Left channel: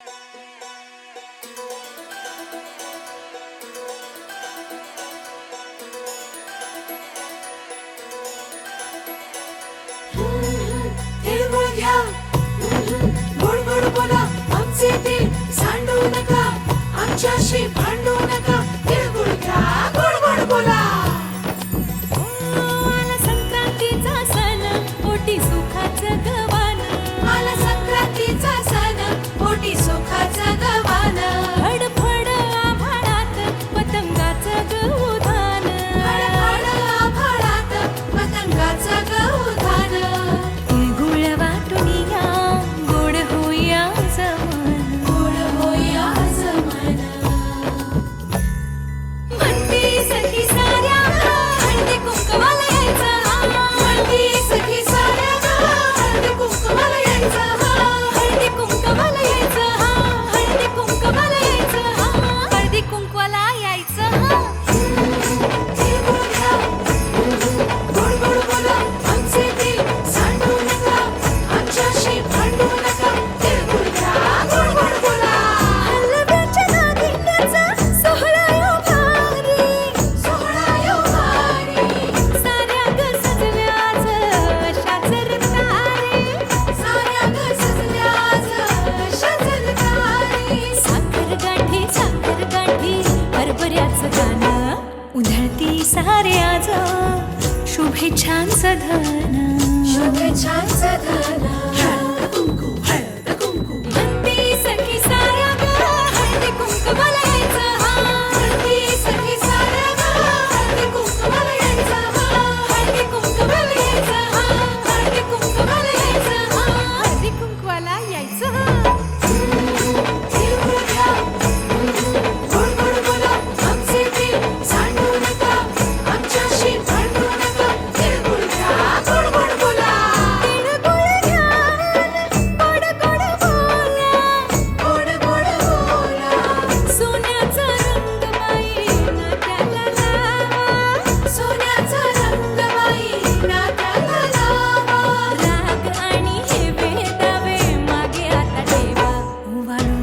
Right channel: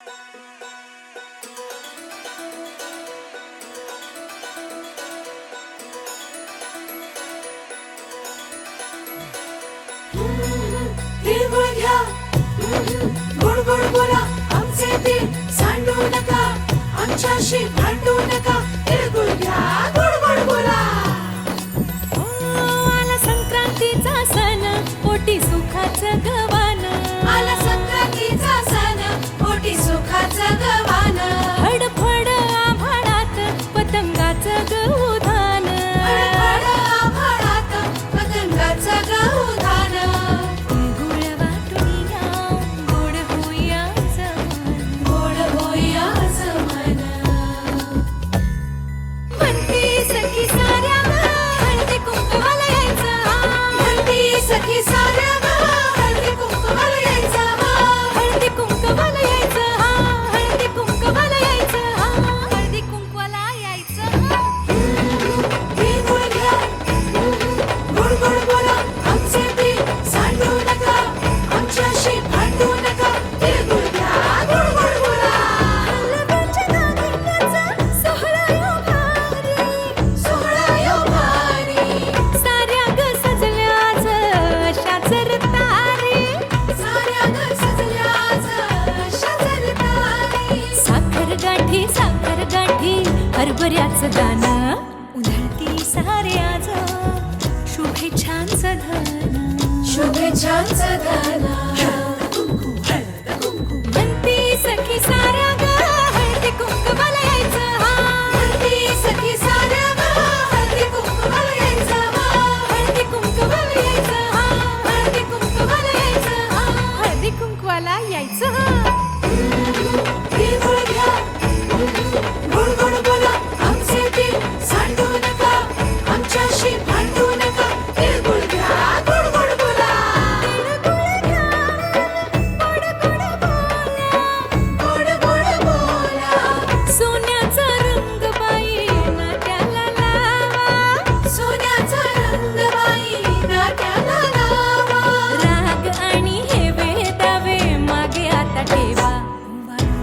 तिळगुळ घ्या, गोड गोड बोला, आमचे तीळ सांडू नका, आमच्याशी भांडू नका. तिळगुळ घ्या, गोड गोड बोला. आला संक्रांतीचा सण, पोटी सुखाचं गवान. आला संक्रांतीचा सण, पोटी सुखाचं गवान. फडफड आभाळात पतंगाचं गौधान. फडफड आभाळात पतंगाचं गौधान. तिळगुळ वाटून या, गोड होईया जमान. गोड होईया जमान. म्हणती सखी साऱ्या हळदी कुंकवाला यायचं. म्हणती सखी साऱ्या हळदी कुंकवाला यायचं. हळदी कुंकवाला यायचं. हळदी कुंकवाला यायचं. हळदी कुंकवाला यायचं. तिळगुळ घ्या, गोड गोड बोला, आमचे तीळ सांडू नका, आमच्याशी भांडू नका. तिळगुळ घ्या, गोड गोड बोला. हलव्याच्या नागिण्याचा सोहळा यो भारी. सोहळा यो भारी. साऱ्या ग सजल्या आज अशाच रतारी. साऱ्या ग सजल्या आज अशाच रतारी. साखर गाठी हरभऱ्याचं दाणं. उधळती सारे आज शुभेच्छांचं धन. शुभेच्छांचं धन. हळद कुंकू. म्हणती सखी साऱ्या ग हळदी कुंकवाला यायचं. म्हणती सखी साऱ्या हळदी कुंकवाला यायचं. हळदी कुंकवाला यायचं. हळदी कुंकवाला यायचं. हळदी कुंकवाला यायचं. तिळगुळ घ्या, गोड गोड बोला, आमचे तीळ सांडू नका, आमच्याशी भांडू नका. तिळगुळ घ्या, गोड गोड बोला. तिळगुळ घ्या, गोड गोड बोला. गोड गोड बोला. सोन्याचा रंग बाई नात्याला लावा. सोन्याचा रंग बाई नात्याला लावा. राग आणि हे दावे मागे आता ठेवा. वाळू